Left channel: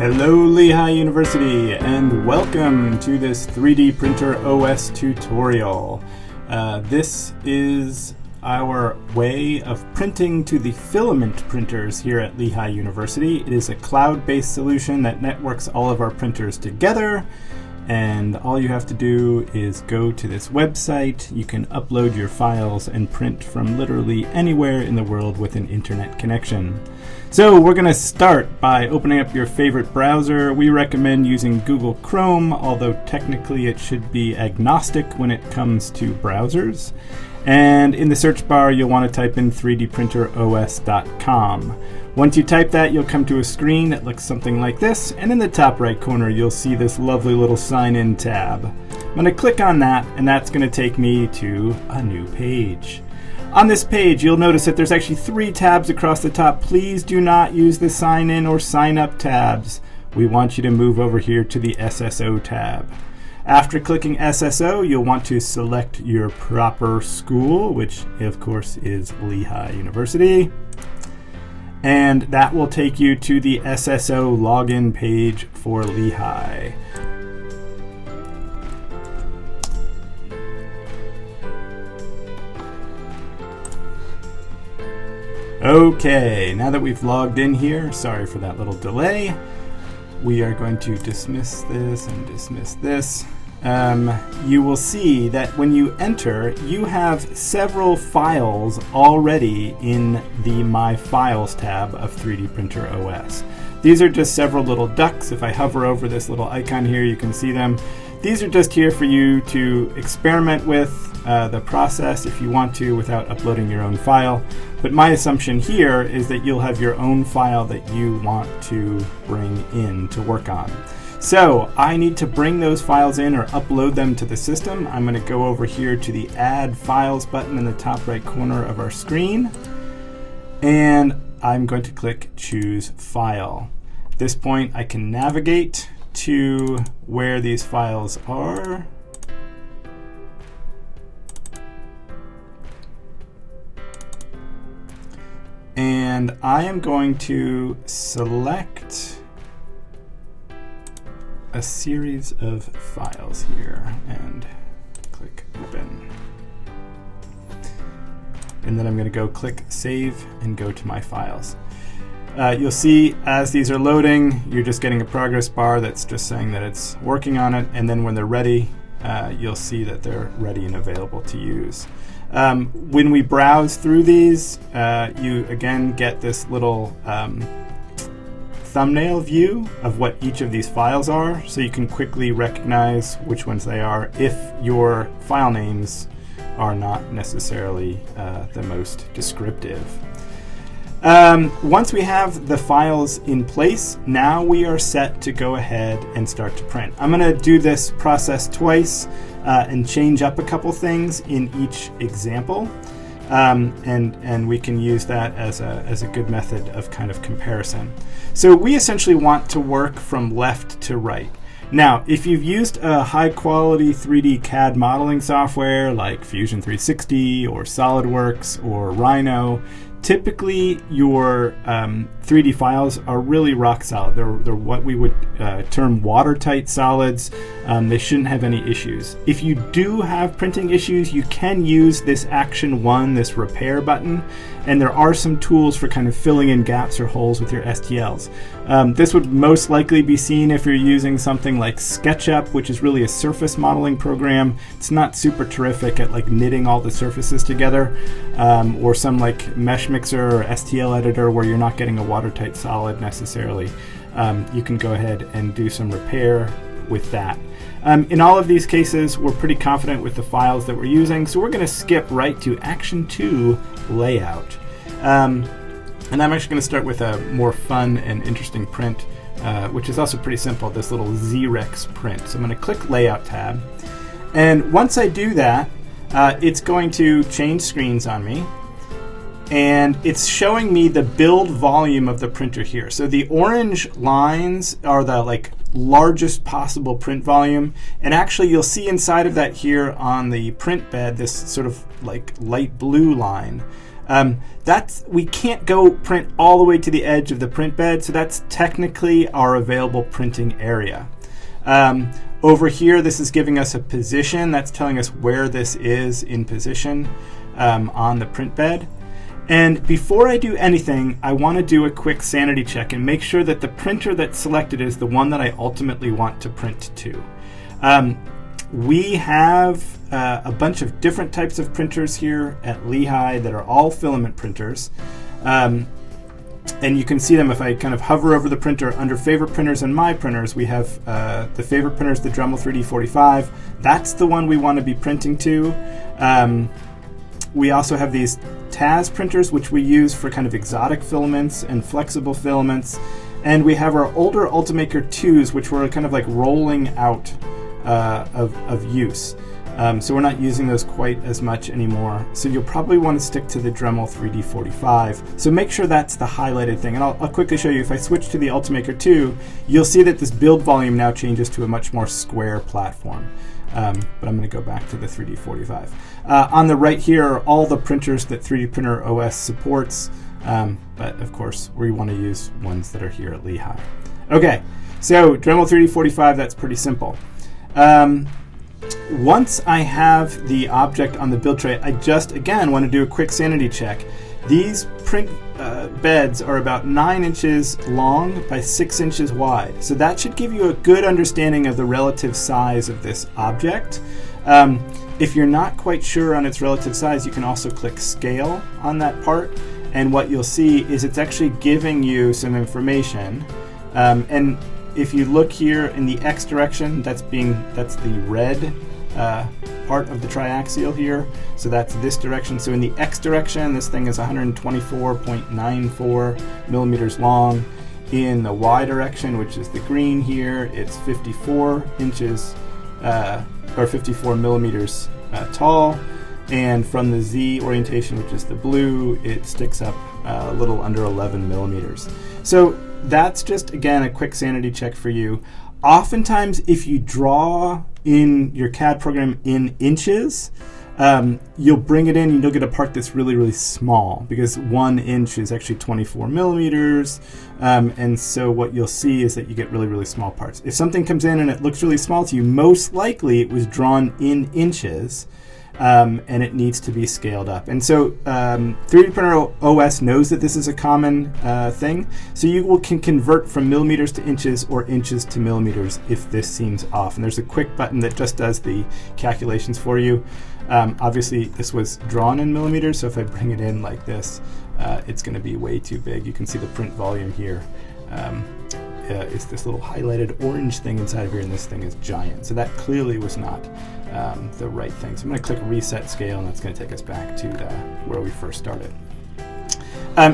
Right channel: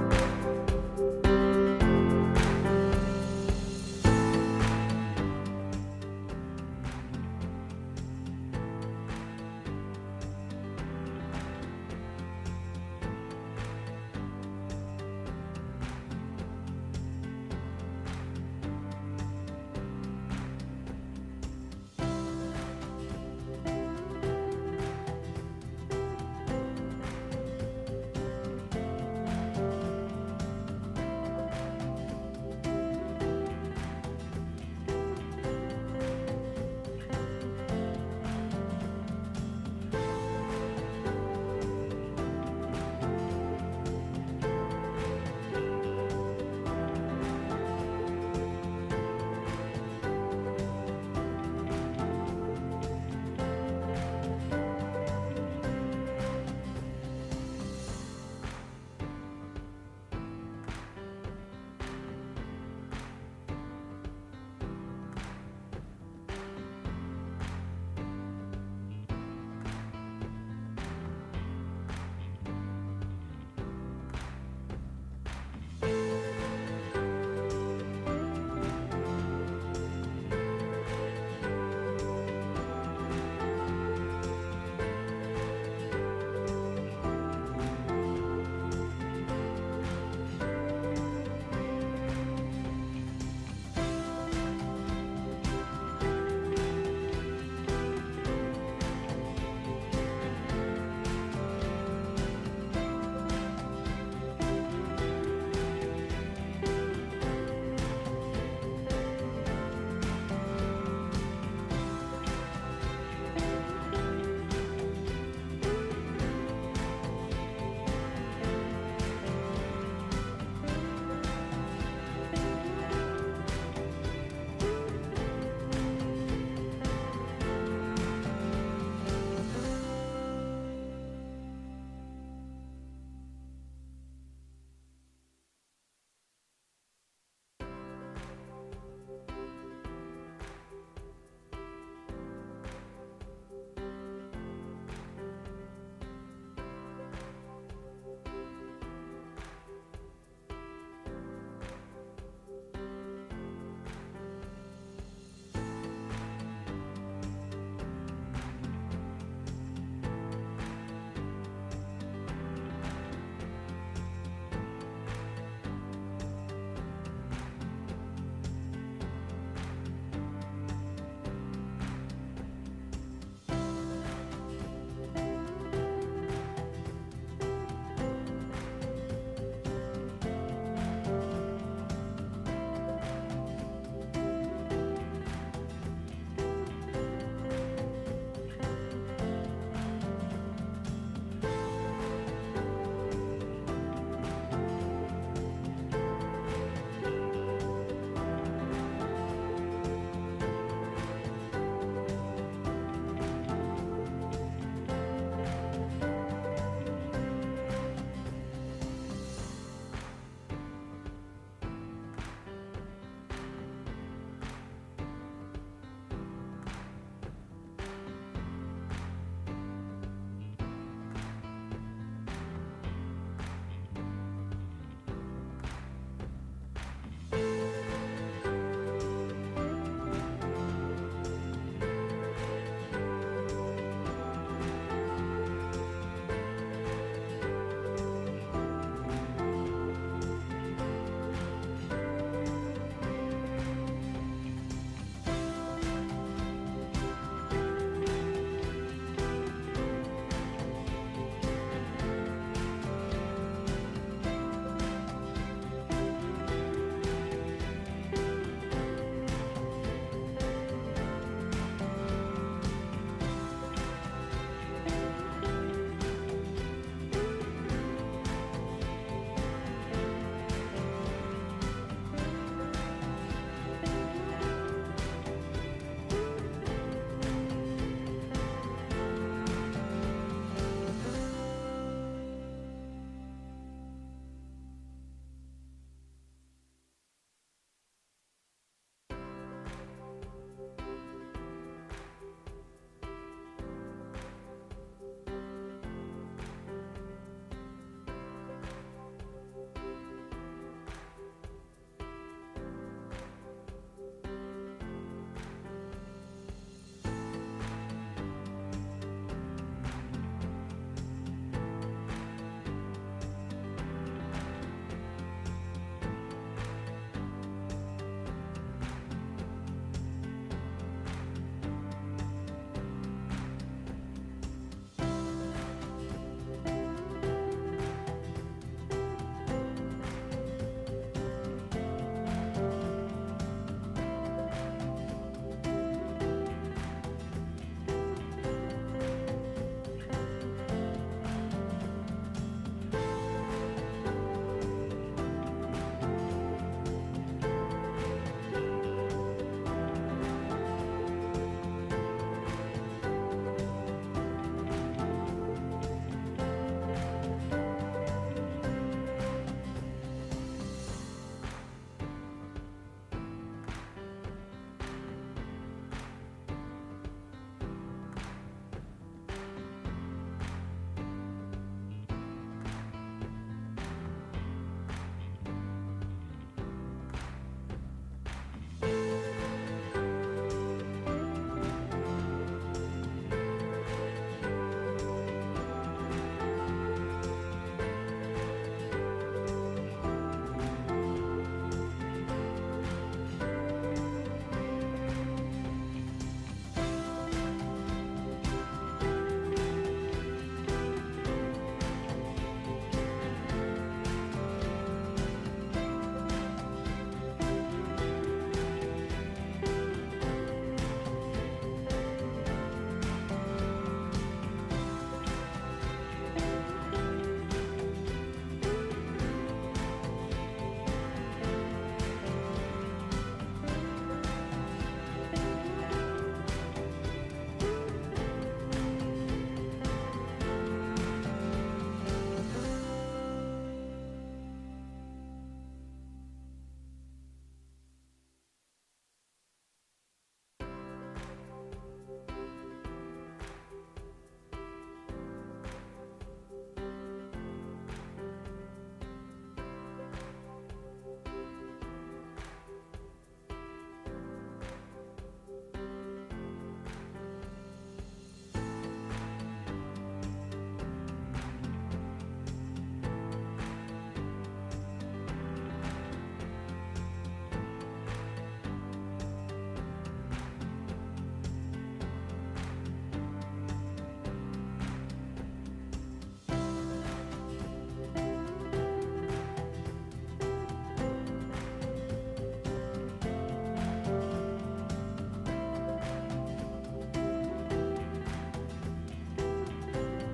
Hello Lehigh University, and welcome to this 3D Printer OS tutorial. This is our way of printing to the filament printers here at Lehigh University. It is a cloud-based solution that networks all of our printers together, and all you have to do is go to this website. You can upload your files and print from literally anywhere in the world with an internet connection. So we're going to start by opening up your favorite browser. We recommend using Google Chrome, although technically it should be agnostic when it comes to browsers. And in the search bar, you'll want to type in 3dprinteros.com. Once you type that, you'll come to a screen that looks something like this, and in the top right corner, you'll see this lovely little sign-in tab. I'm going to click on that, and that's going to take me to a new page. On this page, you'll notice that there's actually 3 tabs across the top. Please do not use the sign-in or sign-up tabs. We want you to move over here to the SSO tab. After clicking SSO, you'll want to select your proper school, which of course is Lehigh University. And that will take you to the SSO login page for Lehigh. Okay, now that we've logged in here, sorry for that little delay, we are going to dismiss this and dismiss this. You will see that when you enter, you have several files already in the My Files tab of 3D Printer OS. These are just several little ducks. If I hover over this little icon here, you can see them. These are just here for you to experiment with the process if you want to without uploading your own file. But my assumption here is that you'll have your own file that you want to bring in to work on. So I need to bring those files in or upload them to the system. I'm going to go over here to the Add Files button in the top right corner of our screen, and I'm going to click Choose File. At this point, I can navigate to where these files are. And I am going to select a series of files here and click Open. And then I'm going to go click Save and go to My Files. You'll see as these are loading, you're just getting a progress bar that's just saying that it's working on it, and then when they're ready, you'll see that they're ready and available to use. When we browse through these, you again get this little thumbnail view of what each of these files are, so you can quickly recognize which ones they are if your file names are not necessarily the most descriptive. Once we have the files in place, now we are set to go ahead and start to print. I'm going to do this process twice and change up a couple things in each example. And we can use that as a good method of kind of comparison. So we essentially want to work from left to right. Now, if you've used a high-quality 3D CAD modeling software like Fusion 360 or SolidWorks or Rhino, typically your 3D files are really rock solid. They're what we would term watertight solids. They shouldn't have any issues. If you do have printing issues, you can use this Action 1, this repair button, and there are some tools for kind of filling in gaps or holes with your STLs. This would most likely be seen if you're using something like SketchUp, which is really a surface modeling program. It's not super terrific at like knitting all the surfaces together, or some like Mesh Mixer or STL editor where you're not getting a watertight solid necessarily. You can go ahead and do some repair with that. In all of these cases, we're pretty confident with the files that we're using, so we're going to skip right to Action 2, Layout. And I'm actually going to start with a more fun and interesting print, which is also pretty simple, this little Z-Rex print. So I'm going to click Layout tab, and once I do that, it's going to change screens on me, and it's showing me the build volume of the printer here. So the orange lines are the largest possible print volume, and actually you'll see inside of that here on the print bed this sort of like light blue line We can't go print all the way to the edge of the print bed, so that's technically our available printing area. Over here, this is giving us a position. That's telling us where this is in position on the print bed. And before I do anything, I want to do a quick sanity check and make sure that the printer that's selected is the one that I ultimately want to print to. We have a bunch of different types of printers here at Lehigh that are all filament printers. And you can see them if I kind of hover over the printer. Under favorite printers and my printers, we have the favorite printer is the Dremel 3D45. That's the one we want to be printing to. We also have these TAS printers, which we use for kind of exotic filaments and flexible filaments. And we have our older Ultimaker 2s, which we're kind of like rolling out of use. So we're not using those quite as much anymore. So you'll probably want to stick to the Dremel 3D45. So make sure that's the highlighted thing. And I'll quickly show you, if I switch to the Ultimaker 2, you'll see that this build volume now changes to a much more square platform. But I'm going to go back to the 3D45. On the right here are all the printers that 3DprinterOS supports. But of course, we want to use ones that are here at Lehigh. Okay, so Dremel 3D45, that's pretty simple. Once I have the object on the build tray, I just, again, want to do a quick sanity check. These print beds are about 9 inches long by 6 inches wide. So that should give you a good understanding of the relative size of this object. If you're not quite sure on its relative size, you can also click Scale on that part. And what you'll see is it's actually giving you some information. And if you look here in the X direction, that's the red part of the triaxial here. So that's this direction. So in the X direction, this thing is 124.94 millimeters long. In the Y direction, which is the green here, it's 54 inches or 54 millimeters tall. And from the Z orientation, which is the blue, it sticks up a little under 11 millimeters. So that's just, again, a quick sanity check for you. Oftentimes, if you draw in your CAD program in inches, you'll bring it in and you'll get a part that's really, really small, because 1 inch is actually 24 millimeters. And so what you'll see is that you get really, really small parts. If something comes in and it looks really small to you, most likely it was drawn in inches. And it needs to be scaled up. And so 3DprinterOS knows that this is a common thing. So you can convert from millimeters to inches or inches to millimeters if this seems off. And there's a quick button that just does the calculations for you. Obviously, this was drawn in millimeters, so if I bring it in like this, it's going to be way too big. You can see the print volume here. It's this little highlighted orange thing inside of here, and this thing is giant. So that clearly was not the right thing. So I'm going to click Reset Scale, and that's going to take us back to where we first started.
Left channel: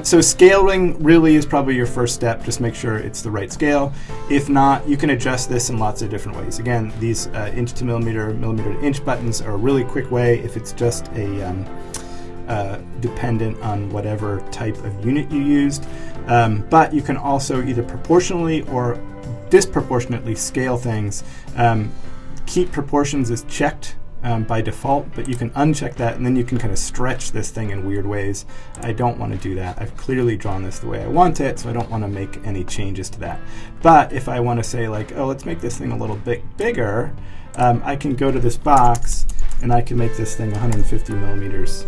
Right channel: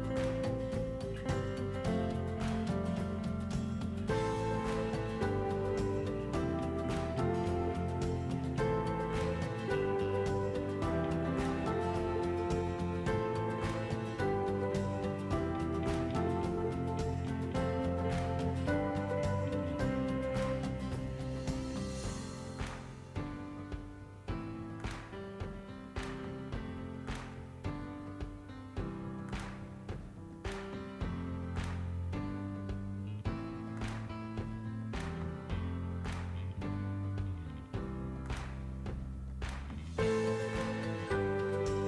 So scaling really is probably your first step. Just make sure it's the right scale. If not, you can adjust this in lots of different ways. Again, these inch to millimeter, millimeter to inch buttons are a really quick way if it's just a dependent on whatever type of unit you used. But you can also either proportionally or disproportionately scale things. Keep proportions is checked by default, but you can uncheck that, and then you can kind of stretch this thing in weird ways. I don't want to do that. I've clearly drawn this the way I want it, so I don't want to make any changes to that. But if I want to say, like, oh, let's make this thing a little bit bigger, I can go to this box and I can make this thing 150 millimeters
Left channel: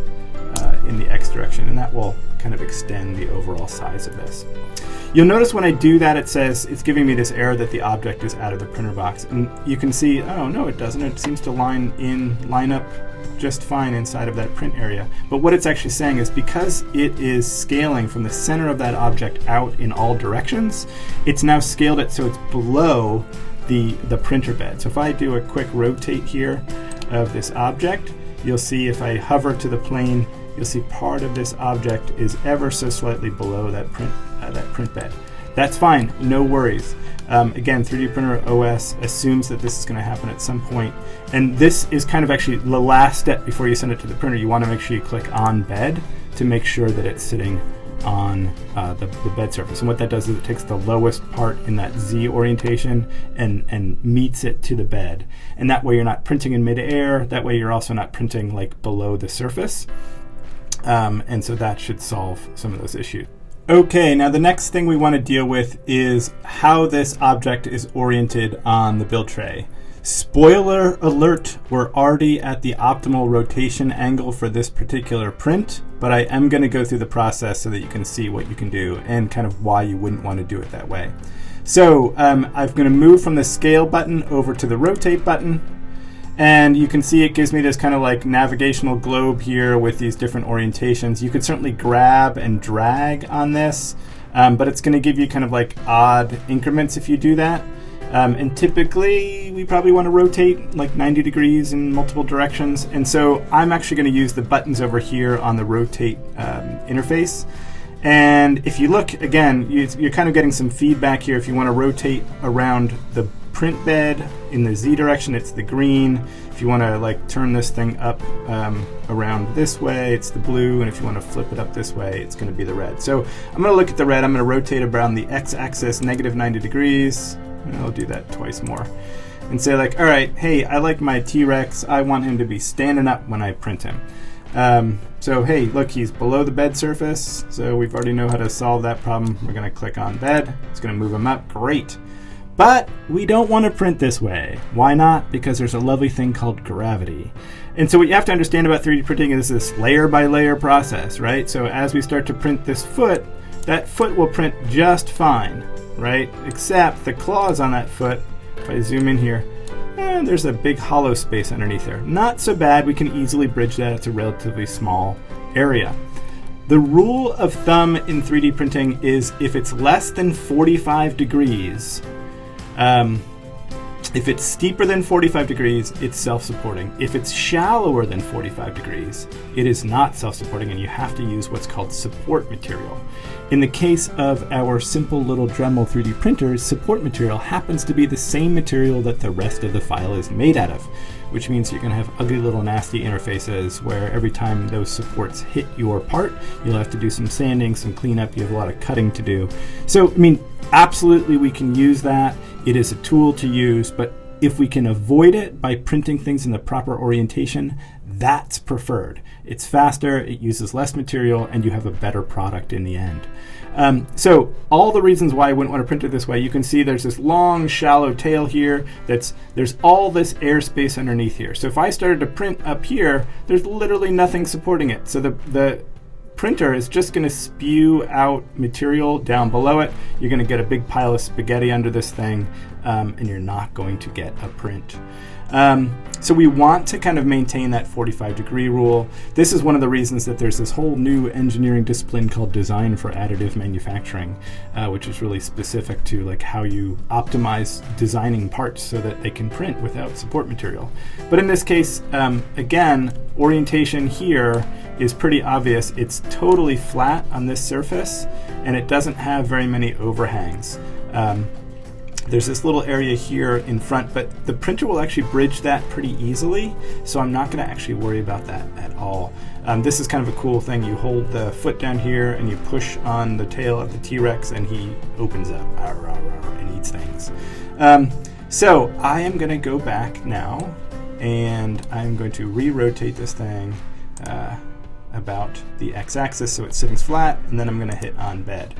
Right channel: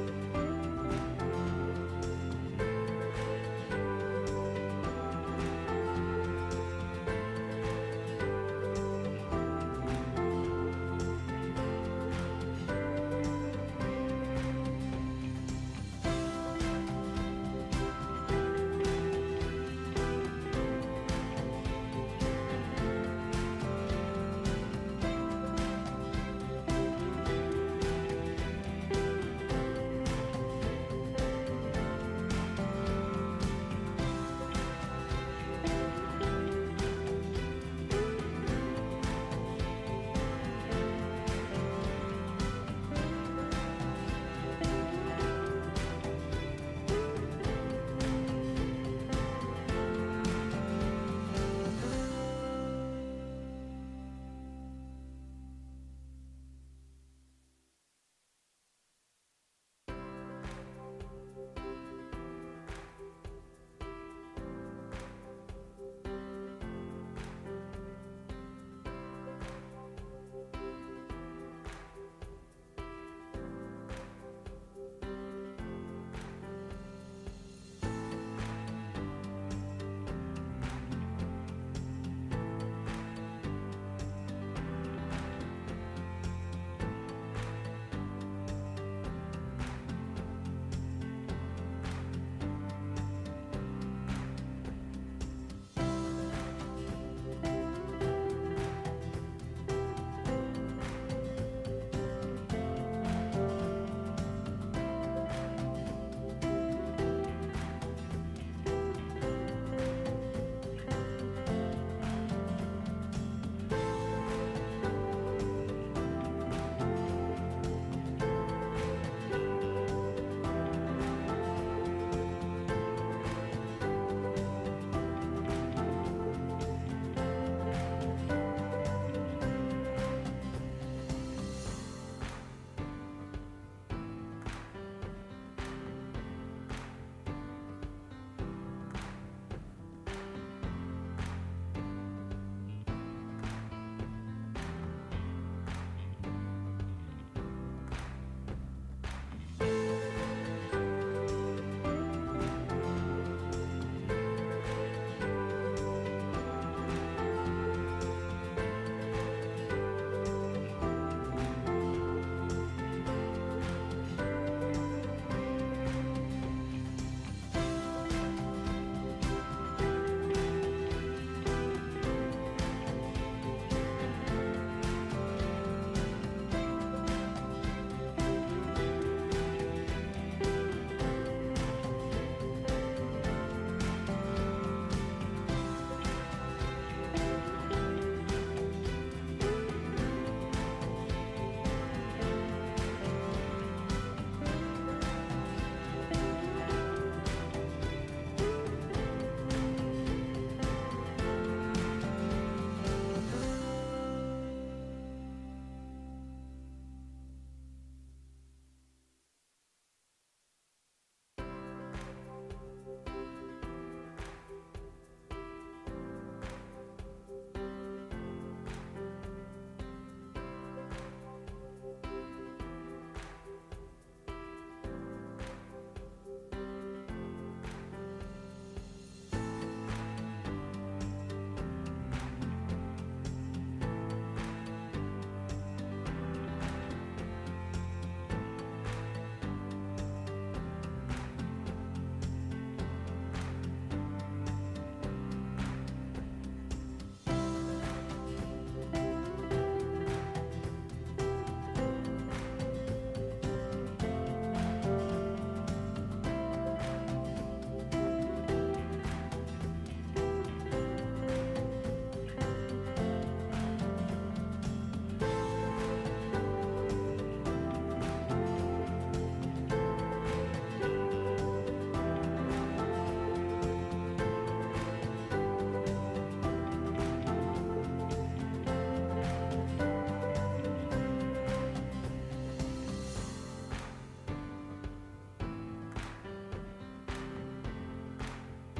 in the X direction, and that will kind of extend the overall size of this. You'll notice when I do that, it says it's giving me this error that the object is out of the printer box. And you can see, oh no, it doesn't. It seems to line up just fine inside of that print area. But what it's actually saying is because it is scaling from the center of that object out in all directions, it's now scaled it so it's below the printer bed. So if I do a quick rotate here of this object, you'll see if I hover to the plane, you'll see part of this object is ever so slightly below that print bed. That's fine, no worries. Again, 3DprinterOS assumes that this is going to happen at some point. And this is kind of actually the last step before you send it to the printer. You want to make sure you click on bed to make sure that it's sitting on the bed surface. And what that does is it takes the lowest part in that Z orientation and meets it to the bed. And that way you're not printing in midair. That way you're also not printing like below the surface. And so that should solve some of those issues. Okay, now the next thing we want to deal with is how this object is oriented on the build tray. Spoiler alert, we're already at the optimal rotation angle for this particular print, but I am going to go through the process so that you can see what you can do and kind of why you wouldn't want to do it that way. So I'm going to move from the scale button over to the rotate button. And you can see it gives me this kind of like navigational globe here with these different orientations. You could certainly grab and drag on this, but it's going to give you kind of like odd increments if you do that. And typically we probably want to rotate like 90 degrees in multiple directions. And so I'm actually going to use the buttons over here on the rotate interface. And if you look, again, you're kind of getting some feedback here. If you want to rotate around the print bed in the Z direction, it's the green. If you want to like turn this thing up around this way, it's the blue. And if you want to flip it up this way, it's going to be the red. So I'm going to look at the red. I'm going to rotate around the X-axis negative 90 degrees. And I'll do that twice more. And say like, all right, hey, I like my T-Rex. I want him to be standing up when I print him. So hey, look, he's below the bed surface. So we've already know how to solve that problem. We're going to click on bed. It's going to move him up. Great. But we don't want to print this way. Why not? Because there's a lovely thing called gravity. And so what you have to understand about 3D printing is this layer by layer process, right? So as we start to print this foot, that foot will print just fine, right? Except the claws on that foot, if I zoom in here, there's a big hollow space underneath there. Not so bad, we can easily bridge that. It's a relatively small area. The rule of thumb in 3D printing is if it's less than 45 degrees, if it's steeper than 45 degrees, it's self-supporting. If it's shallower than 45 degrees, it is not self-supporting, and you have to use what's called support material. In the case of our simple little Dremel 3D printers, support material happens to be the same material that the rest of the file is made out of, which means you're going to have ugly little nasty interfaces where every time those supports hit your part, you'll have to do some sanding, some cleanup, you have a lot of cutting to do. So, I mean, absolutely we can use that. It is a tool to use, but if we can avoid it by printing things in the proper orientation, that's preferred. It's faster, it uses less material, and you have a better product in the end. So all the reasons why I wouldn't want to print it this way, you can see there's this long, shallow tail here. There's all this airspace underneath here. So if I started to print up here, there's literally nothing supporting it. So the printer is just going to spew out material down below it. You're going to get a big pile of spaghetti under this thing, and you're not going to get a print. So we want to kind of maintain that 45-degree rule. This is one of the reasons that there's this whole new engineering discipline called design for additive manufacturing, which is really specific to like how you optimize designing parts so that they can print without support material. But in this case, again, orientation here is pretty obvious. It's totally flat on this surface, and it doesn't have very many overhangs. There's this little area here in front, but the printer will actually bridge that pretty easily, so I'm not going to actually worry about that at all. This is kind of a cool thing. You hold the foot down here and you push on the tail of the T-Rex and he opens up and eats things. So I am going to go back now and I'm going to re-rotate this thing about the x-axis so it sits flat, and then I'm going to hit on bed.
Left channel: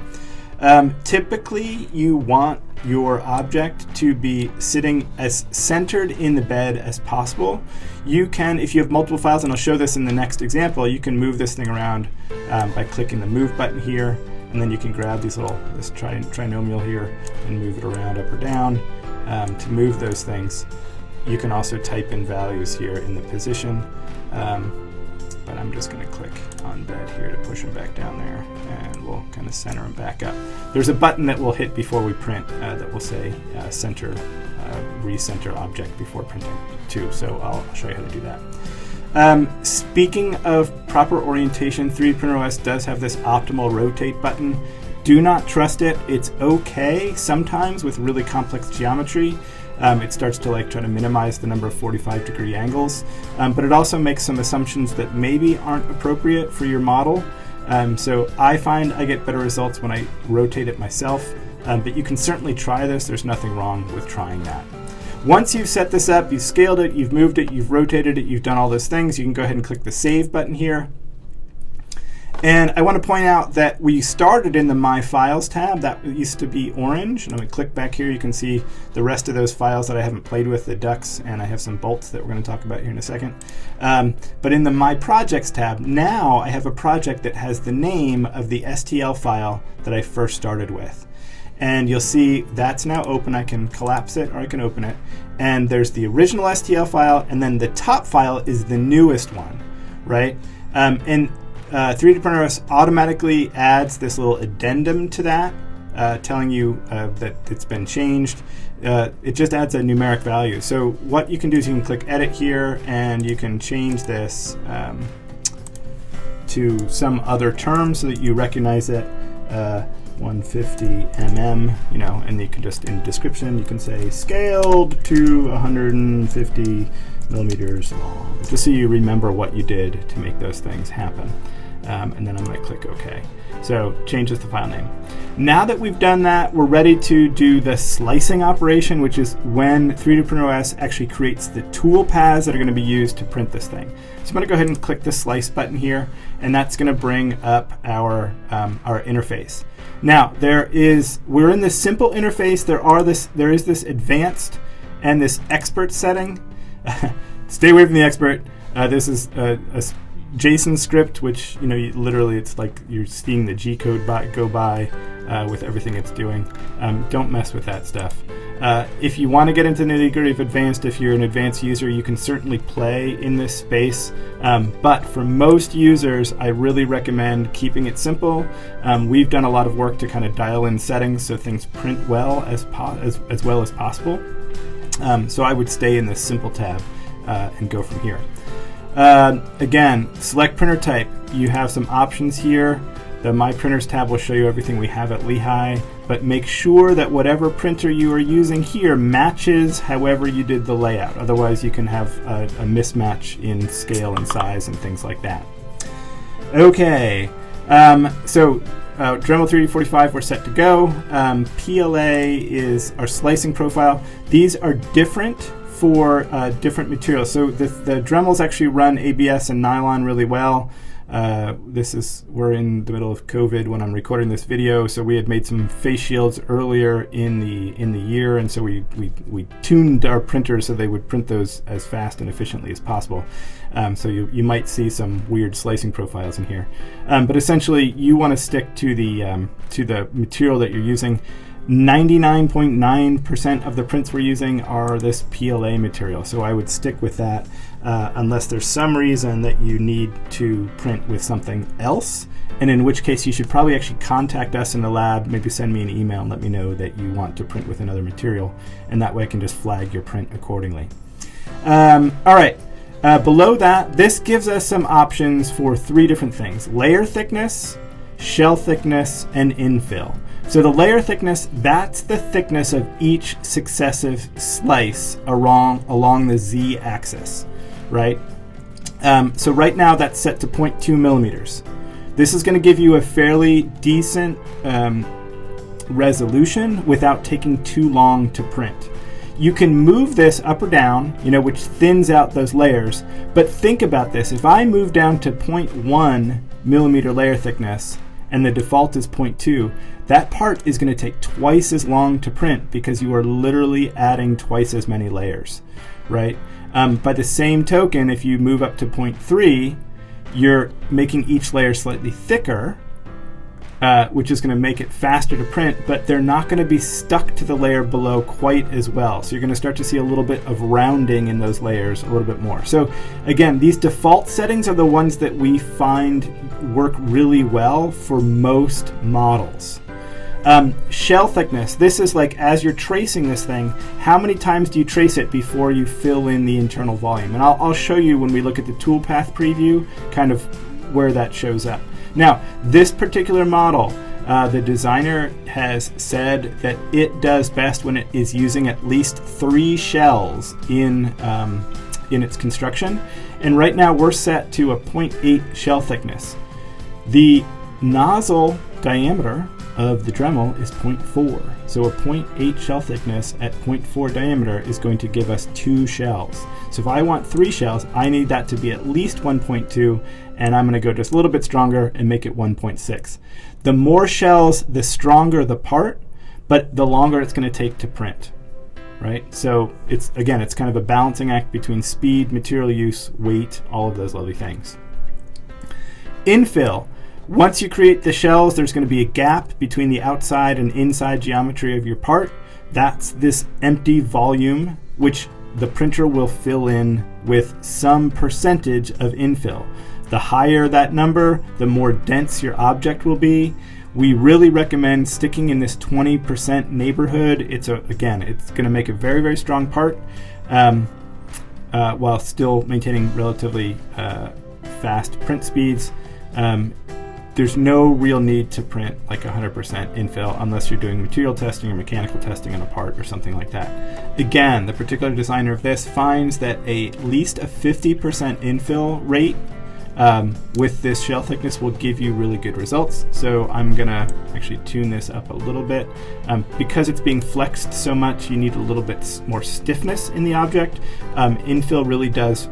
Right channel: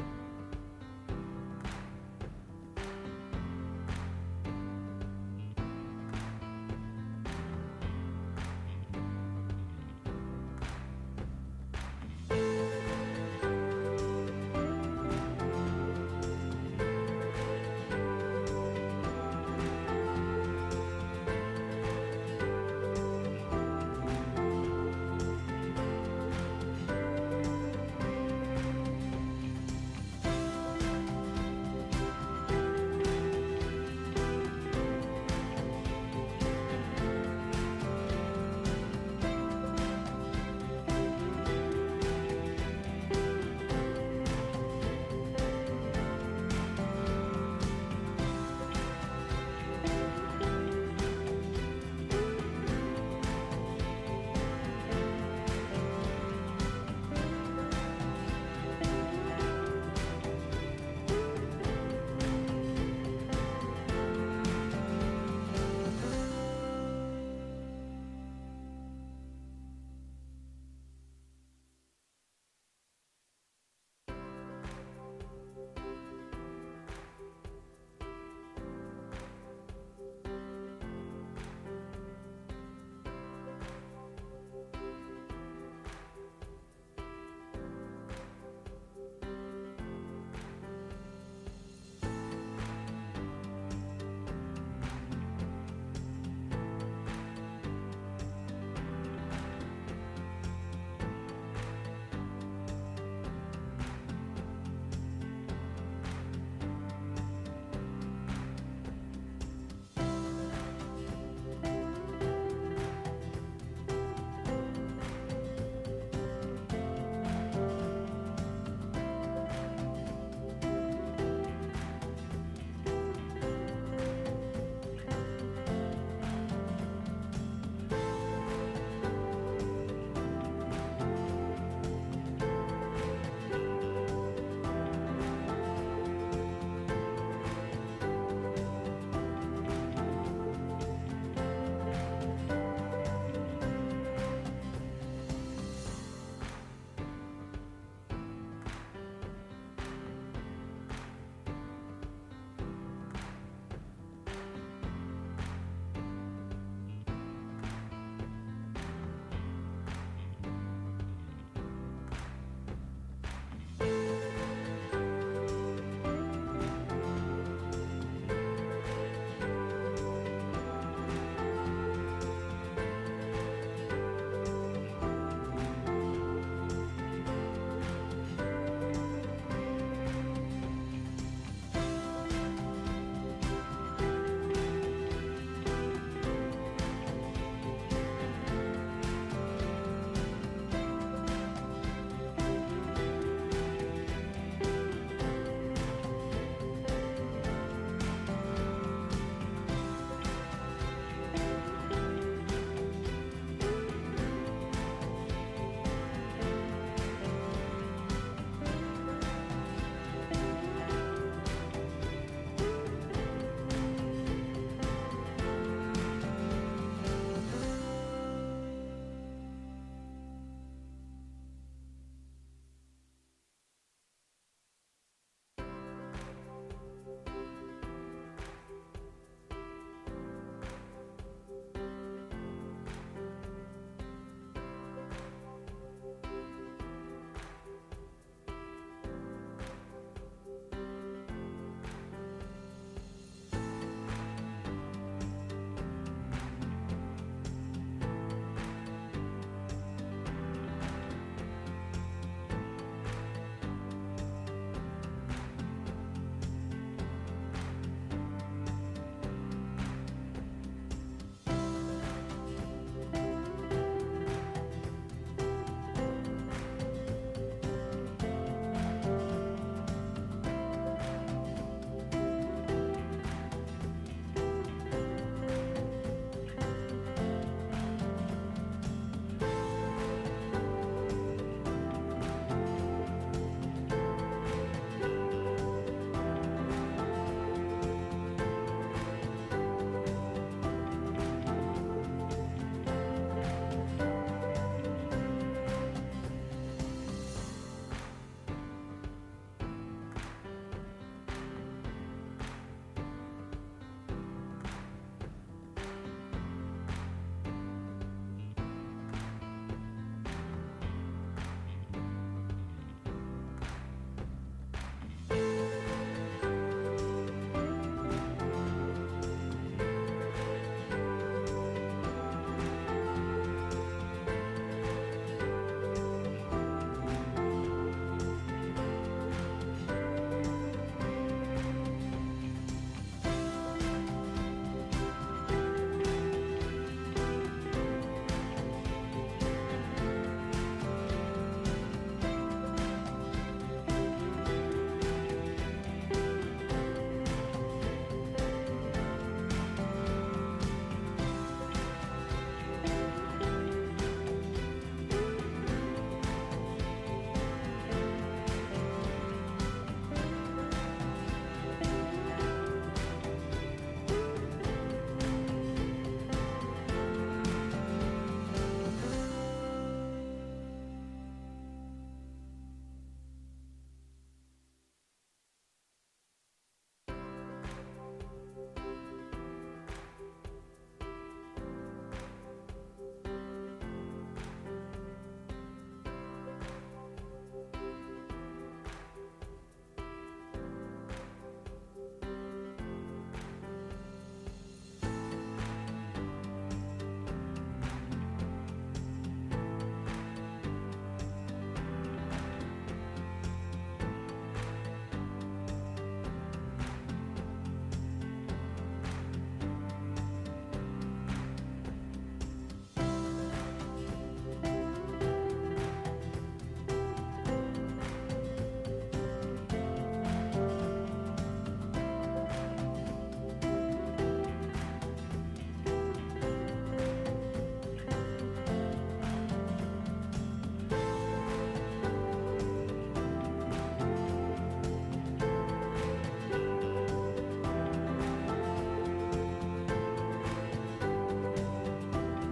Typically you want your object to be sitting as centered in the bed as possible. You can, if you have multiple files, and I'll show this in the next example, you can move this thing around by clicking the move button here, and then you can grab this trinomial here and move it around up or down to move those things. You can also type in values here in the position, but I'm just going to click on bed here to push them back down there, and we'll kind of center them back up. There's a button that we'll hit before we print that will say center, recenter object before printing too, so I'll show you how to do that. Speaking of proper orientation, 3DprinterOS does have this optimal rotate button. Do not trust it. It's okay sometimes with really complex geometry. It starts to try to minimize the number of 45-degree angles, but it also makes some assumptions that maybe aren't appropriate for your model. So I find I get better results when I rotate it myself, but you can certainly try this. There's nothing wrong with trying that. Once you've set this up, you've scaled it, you've moved it, you've rotated it, you've done all those things, you can go ahead and click the Save button here. And I want to point out that we started in the My Files tab. That used to be orange. And I'm going to click back here. You can see the rest of those files that I haven't played with, the ducks, and I have some bolts that we're going to talk about here in a second. But in the My Projects tab, now I have a project that has the name of the STL file that I first started with. And you'll see that's now open. I can collapse it or I can open it. And there's the original STL file, and then the top file is the newest one, right? 3DprinterOS automatically adds this little addendum to that, telling you that it's been changed. It just adds a numeric value. So what you can do is you can click Edit here, and you can change this to some other term so that you recognize it. 150 mm, and you can just, in description, you can say scaled to 150 millimeters long, just so you remember what you did to make those things happen. And then I'm going to click OK. So changes the file name. Now that we've done that, we're ready to do the slicing operation, which is when 3DprinterOS actually creates the tool paths that are going to be used to print this thing. So I'm going to go ahead and click the slice button here, and that's going to bring up our interface. Now we're in this simple interface. There is this advanced and this expert setting. Stay away from the expert. This is a JSON script, which literally it's like you're seeing the G code go by with everything it's doing. Don't mess with that stuff. If you want to get into the nitty-gritty of advanced, if you're an advanced user, you can certainly play in this space. But for most users, I really recommend keeping it simple. We've done a lot of work to kind of dial in settings so things print well as well as possible. So I would stay in this simple tab and go from here. Again, select printer type. You have some options here. The My Printers tab will show you everything we have at Lehigh, but make sure that whatever printer you are using here matches however you did the layout. Otherwise, you can have a mismatch in scale and size and things like that. Okay, so Dremel 3D45, we're set to go. PLA is our slicing profile. These are different for different materials. So the Dremels actually run ABS and nylon really well. We're in the middle of COVID when I'm recording this video, so we had made some face shields earlier in the year, and so we tuned our printers so they would print those as fast and efficiently as possible. So you might see some weird slicing profiles in here, but essentially you want to stick to the material that you're using. 99.9% of the prints we're using are this PLA material, so I would stick with that unless there's some reason that you need to print with something else, and in which case you should probably actually contact us in the lab, maybe send me an email and let me know that you want to print with another material, and that way I can just flag your print accordingly. All right, below that, this gives us some options for 3 different things: layer thickness, shell thickness, and infill. So the layer thickness, that's the thickness of each successive slice along the z-axis, right? So right now that's set to 0.2 millimeters. This is going to give you a fairly decent resolution without taking too long to print. You can move this up or down, which thins out those layers, but think about this. If I move down to 0.1 millimeter layer thickness and the default is 0.2, that part is going to take twice as long to print because you are literally adding twice as many layers, right? By the same token, if you move up to 0.3, you're making each layer slightly thicker, which is going to make it faster to print, but they're not going to be stuck to the layer below quite as well. So you're going to start to see a little bit of rounding in those layers a little bit more. So again, these default settings are the ones that we find work really well for most models. Shell thickness, this is like as you're tracing this thing, how many times do you trace it before you fill in the internal volume? And I'll show you when we look at the toolpath preview kind of where that shows up. Now, this particular model, the designer has said that it does best when it is using at least 3 shells in its construction. And right now we're set to a 0.8 shell thickness. The nozzle diameter of the Dremel is 0.4. So a 0.8 shell thickness at 0.4 diameter is going to give us 2 shells. So if I want 3 shells, I need that to be at least 1.2, and I'm going to go just a little bit stronger and make it 1.6. The more shells, the stronger the part, but the longer it's going to take to print, right? So it's kind of a balancing act between speed, material use, weight, all of those lovely things. Infill. Once you create the shells, there's going to be a gap between the outside and inside geometry of your part. That's this empty volume, which the printer will fill in with some percentage of infill. The higher that number, the more dense your object will be. We really recommend sticking in this 20% neighborhood. It's going to make a very, very strong part while still maintaining relatively fast print speeds. There's no real need to print like 100% infill unless you're doing material testing or mechanical testing on a part or something like that. Again, the particular designer of this finds that at least a 50% infill rate with this shell thickness will give you really good results. So I'm gonna actually tune this up a little bit. Because it's being flexed so much, you need a little bit more stiffness in the object. Infill really does,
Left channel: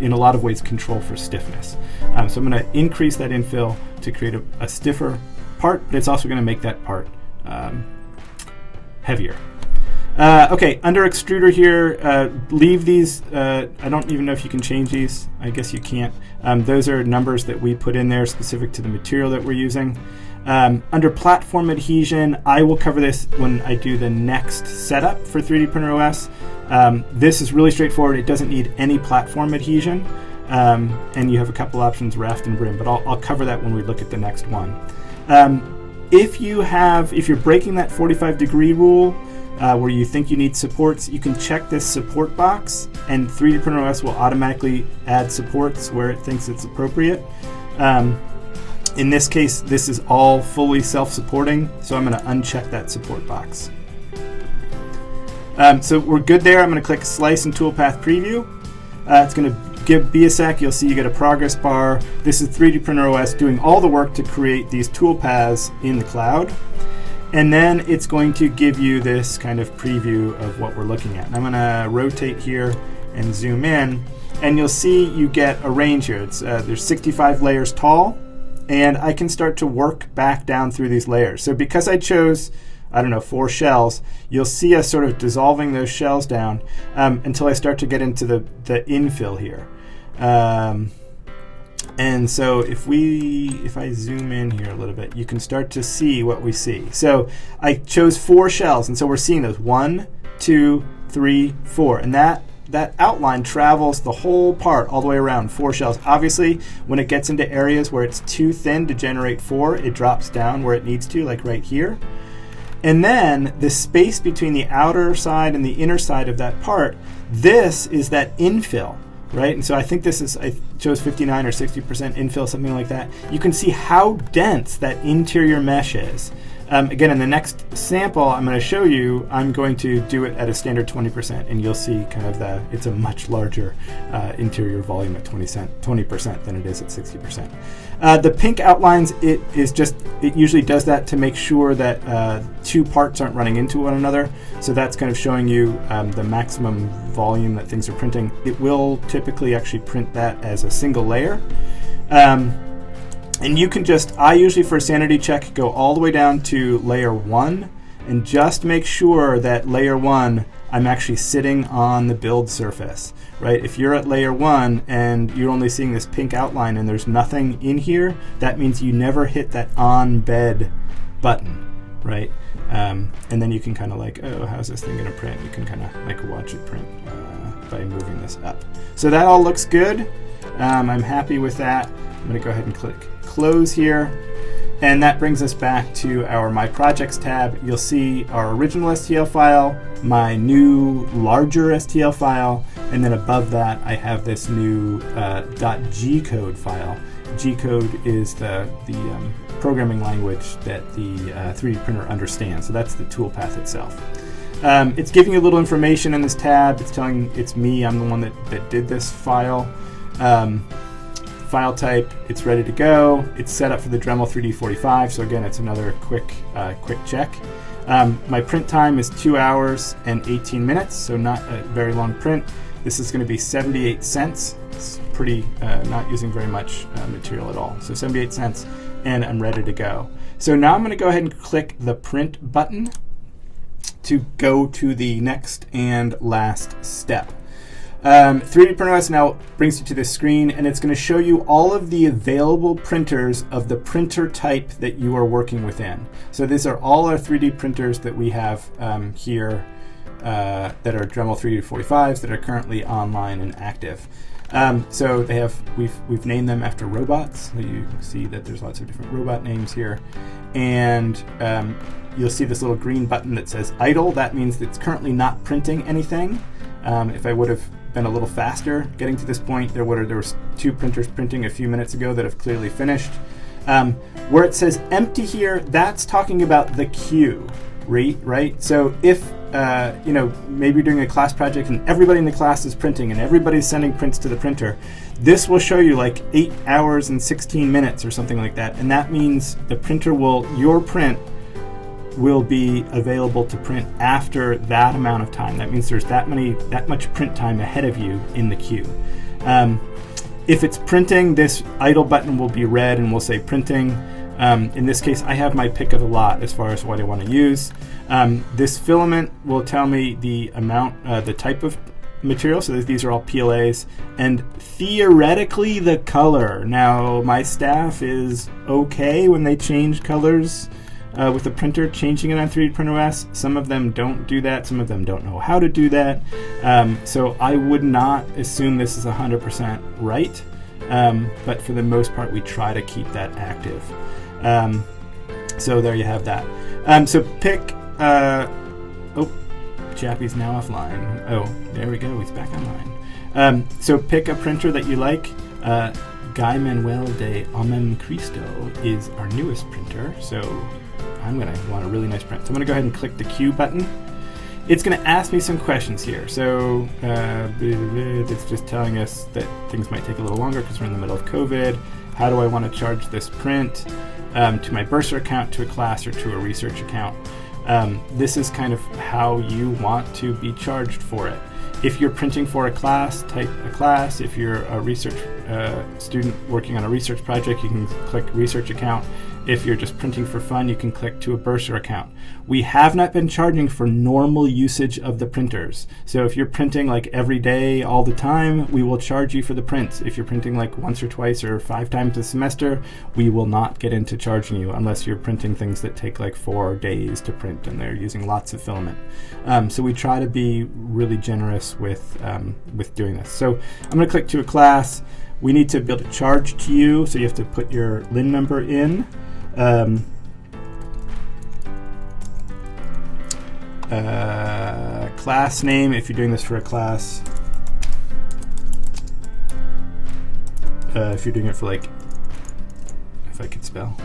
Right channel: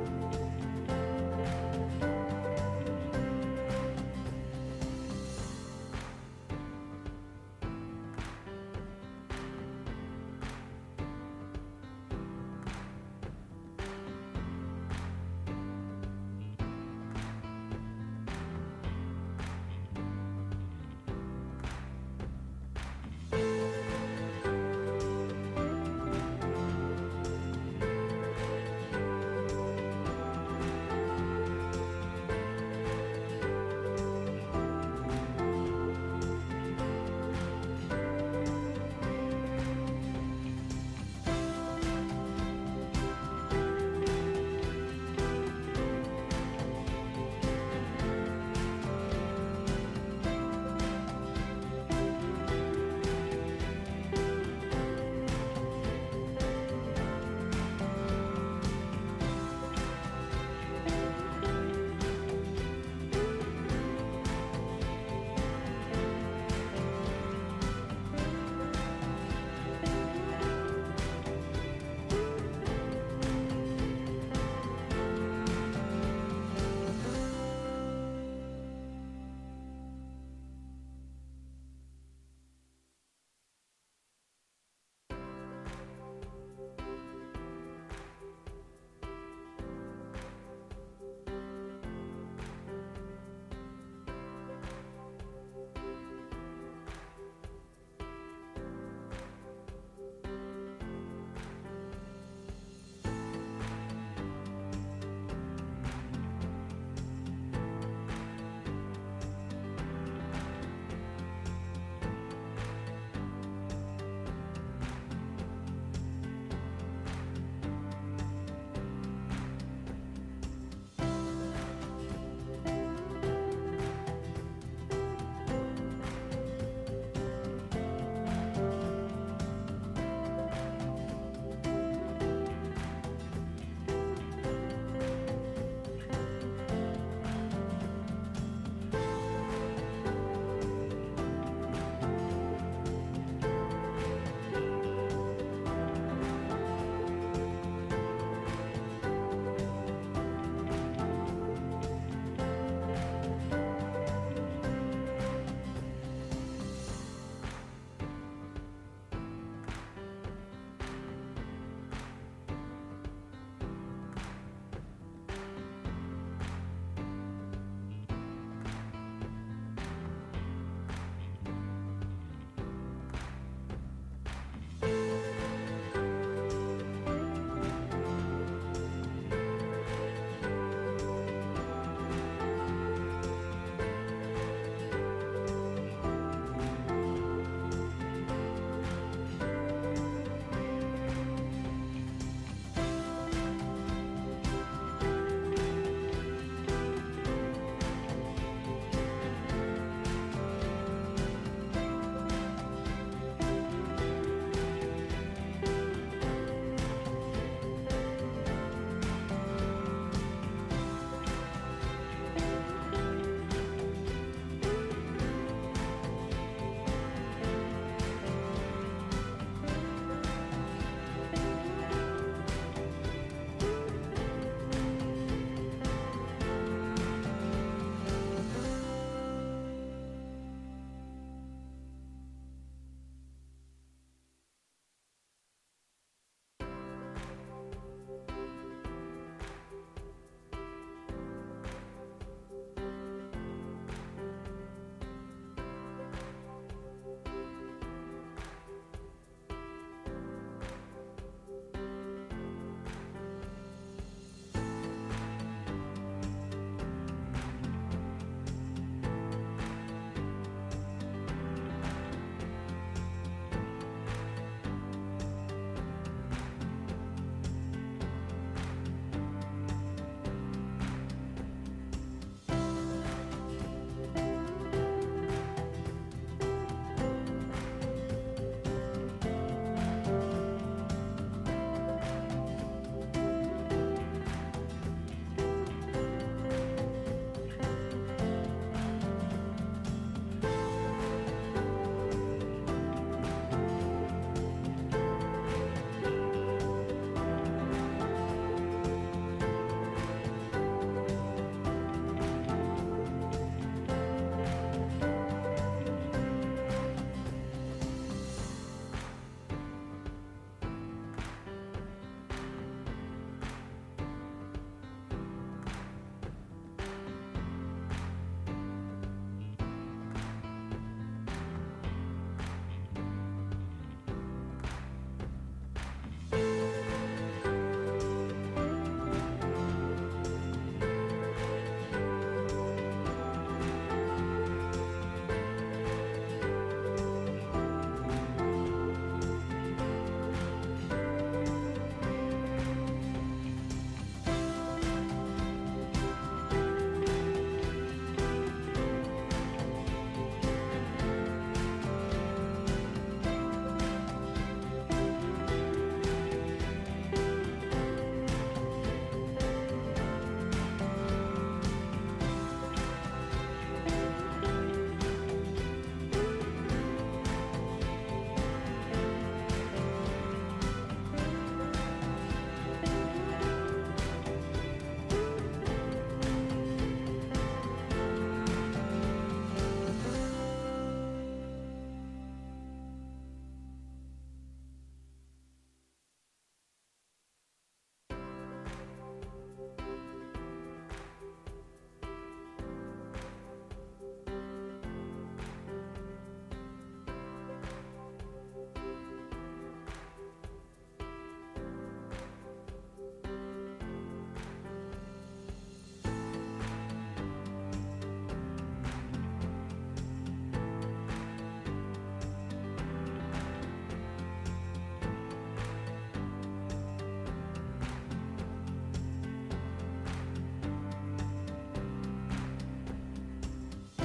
in a lot of ways, control for stiffness. So I'm gonna increase that infill to create a stiffer part, but it's also gonna make that part heavier. Okay, under extruder here, leave these. I don't even know if you can change these. I guess you can't. Those are numbers that we put in there specific to the material that we're using. Under platform adhesion, I will cover this when I do the next setup for 3DprinterOS. This is really straightforward. It doesn't need any platform adhesion. And you have a couple options, raft and brim, but I'll cover that when we look at the next one. If you're breaking that 45-degree rule, where you think you need supports, you can check this support box, and 3DprinterOS will automatically add supports where it thinks it's appropriate. In this case, this is all fully self-supporting, so I'm going to uncheck that support box. So we're good there. I'm going to click Slice and Toolpath Preview. It's going to be a sec. You'll see you get a progress bar. This is 3DprinterOS doing all the work to create these toolpaths in the cloud. And then it's going to give you this kind of preview of what we're looking at. I'm going to rotate here and zoom in, and you'll see you get a range here. There's 65 layers tall, and I can start to work back down through these layers. So because I chose, 4 shells, you'll see us sort of dissolving those shells down until I start to get into the infill here. And so if I zoom in here a little bit, you can start to see what we see. So I chose 4 shells, and so we're seeing those 1, 2, 3, 4, and that outline travels the whole part all the way around, 4 shells. Obviously, when it gets into areas where it's too thin to generate 4, it drops down where it needs to, like right here. And then the space between the outer side and the inner side of that part, this is that infill, right? And so I think I chose 59 or 60% infill, something like that. You can see how dense that interior mesh is. Again, in the next sample I'm going to show you, I'm going to do it at a standard 20%, and you'll see kind of it's a much larger interior volume at 20% than it is at 60%. The pink outlines, it usually does that to make sure that 2 parts aren't running into one another. So that's kind of showing you the maximum volume that things are printing. It will typically actually print that as a single layer. And you can I usually for a sanity check go all the way down to layer 1 and just make sure that layer 1, I'm actually sitting on the build surface, right? If you're at layer 1 and you're only seeing this pink outline and there's nothing in here, that means you never hit that on bed button, right? And then you can kind of how's this thing gonna print? You can kind of watch it print by moving this up. So that all looks good. I'm happy with that. I'm gonna go ahead and click Close here, and that brings us back to our My Projects tab. You'll see our original STL file, my new larger STL file, and then above that I have this new .gcode file. Gcode is the programming language that the 3D printer understands, so that's the toolpath itself. It's giving you a little information in this tab. It's telling it's me, I'm the one that did this file. file type, it's ready to go. It's set up for the Dremel 3D45, so again, it's another quick check. My print time is 2 hours and 18 minutes, so not a very long print. This is going to be 78 cents. It's pretty, not using very much material at all. So 78 cents, and I'm ready to go. So now I'm going to go ahead and click the print button to go to the next and last step. 3DprinterOS now brings you to this screen, and it's going to show you all of the available printers of the printer type that you are working within. So these are all our 3D printers that we have here that are Dremel 3D45s that are currently online and active. So they have, we've named them after robots. So you see that there's lots of different robot names here, and you'll see this little green button that says idle. That means that it's currently not printing anything. If I would have been a little faster getting to this point, there was 2 printers printing a few minutes ago that have clearly finished. Where it says empty here, that's talking about the queue, right? So if maybe you're doing a class project and everybody in the class is printing and everybody's sending prints to the printer, this will show you like 8 hours and 16 minutes or something like that, and that means the printer your print will be available to print after that amount of time. That means there's that much print time ahead of you in the queue. If it's printing, this idle button will be red and will say printing. In this case, I have my pick of the lot as far as what I want to use. This filament will tell me the amount, the type of material, so these are all PLAs, and theoretically the color. Now, my staff is okay when they change colors with the printer, changing it on 3DprinterOS. Some of them don't do that, some of them don't know how to do that. So I would not assume this is 100% right, but for the most part we try to keep that active. So there you have that. So pick, Chappie's now offline. Oh, there we go, he's back online. So pick a printer that you like. Guy Manuel de Omen Cristo is our newest printer, so I'm going to want a really nice print. So I'm going to go ahead and click the Q button. It's going to ask me some questions here. So it's just telling us that things might take a little longer because we're in the middle of COVID. How do I want to charge this print? To my Bursar account, to a class, or to a research account. This is kind of how you want to be charged for it. If you're printing for a class, type a class. If you're a research student working on a research project, you can click research account. If you're just printing for fun, you can click to a Bursar account. We have not been charging for normal usage of the printers. So if you're printing like every day, all the time, we will charge you for the prints. If you're printing like once or twice or 5 times a semester, we will not get into charging you unless you're printing things that take like 4 days to print and they're using lots of filament. So we try to be really generous with doing this. So I'm going to click to a class. We need to build a charge to you, so you have to put your LIN number in. Class name, if you're doing this for a class. If you're doing it for like, if I could spell.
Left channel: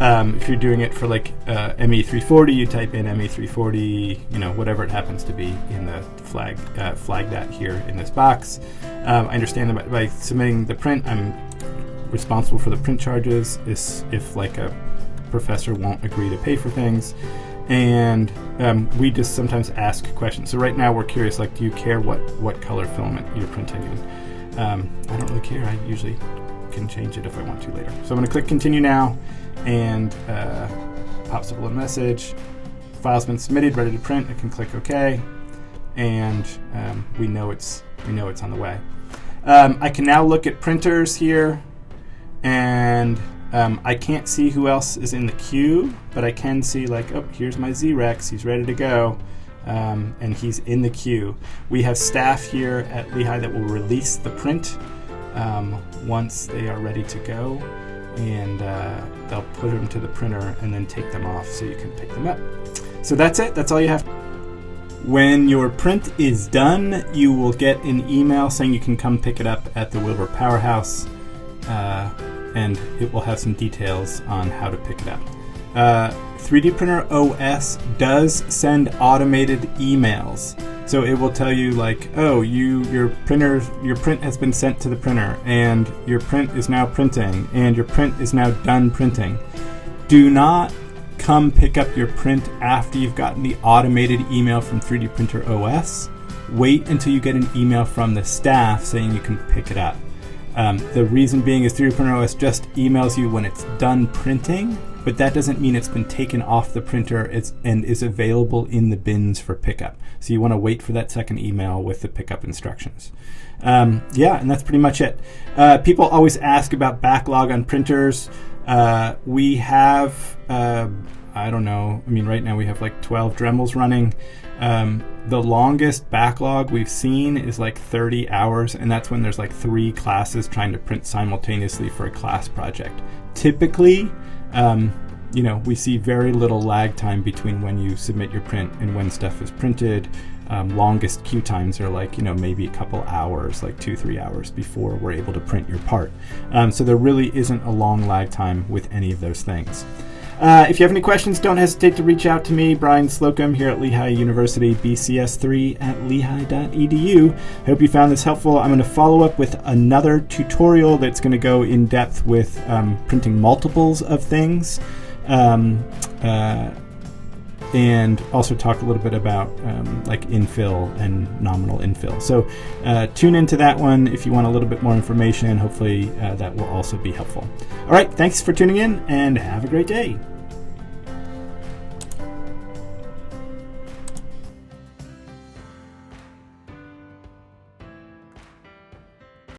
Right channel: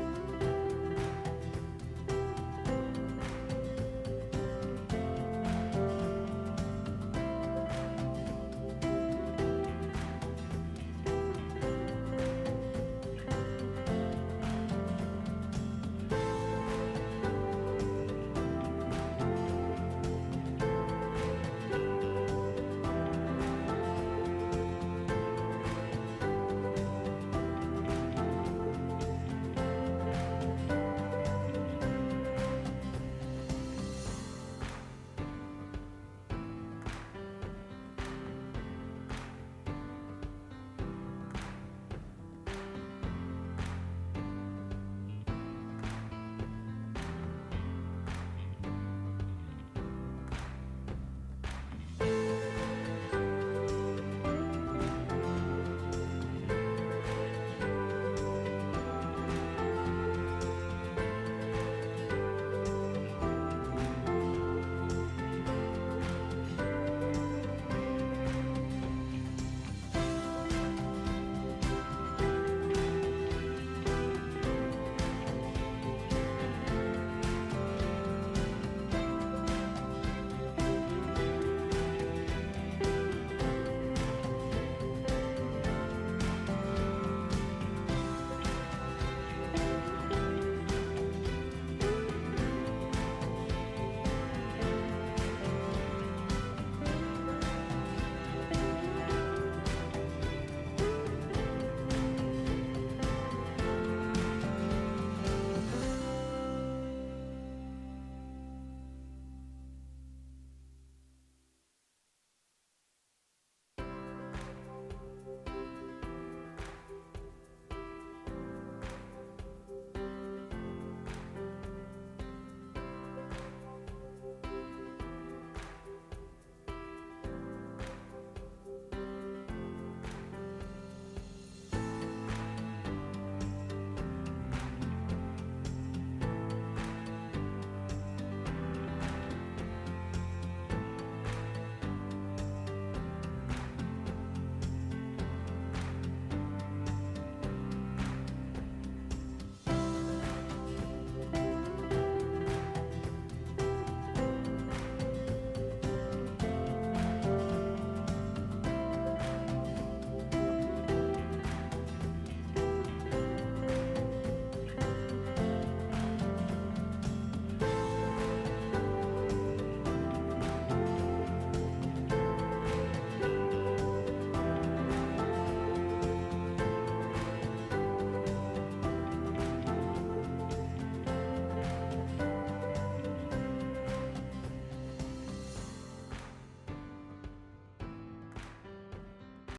If you're doing it for like ME340, you type in ME340, whatever it happens to be in the flag that here in this box. I understand that by submitting the print, I'm responsible for the print charges if like a professor won't agree to pay for things. And we just sometimes ask questions. So right now we're curious, like, do you care what color filament you're printing in? I don't really care. I usually can change it if I want to later. So I'm going to click continue now, and pops up a little message. The file's been submitted, ready to print. I can click OK, and we know it's on the way. I can now look at printers here, and I can't see who else is in the queue, but I can see like, oh, here's my Z-Rex, he's ready to go, and he's in the queue. We have staff here at Lehigh that will release the print once they are ready to go, and they'll put them to the printer and then take them off so you can pick them up. So that's it, that's all you have. When your print is done, you will get an email saying you can come pick it up at the Wilbur Powerhouse, and it will have some details on how to pick it up. 3DprinterOS does send automated emails. So it will tell you like, oh, your print has been sent to the printer, and your print is now printing, and your print is now done printing. Do not come pick up your print after you've gotten the automated email from 3DprinterOS. Wait until you get an email from the staff saying you can pick it up. The reason being is 3DprinterOS just emails you when it's done printing, but that doesn't mean it's been taken off the printer and is available in the bins for pickup. So you want to wait for that second email with the pickup instructions. Yeah, and that's pretty much it. People always ask about backlog on printers. We have, I don't know, I mean, right now we have like 12 Dremels running. The longest backlog we've seen is like 30 hours, and that's when there's like 3 classes trying to print simultaneously for a class project. Typically, we see very little lag time between when you submit your print and when stuff is printed. Longest queue times are like, maybe a couple hours, like 2-3 hours before we're able to print your part. So there really isn't a long lag time with any of those things. If you have any questions, don't hesitate to reach out to me, Brian Slocum, here at Lehigh University, bcs3@lehigh.edu. I hope you found this helpful. I'm going to follow up with another tutorial that's going to go in depth with printing multiples of things, and also talk a little bit about like infill and nominal infill. So tune into that one if you want a little bit more information. Hopefully that will also be helpful. All right, thanks for tuning in, and have a great day.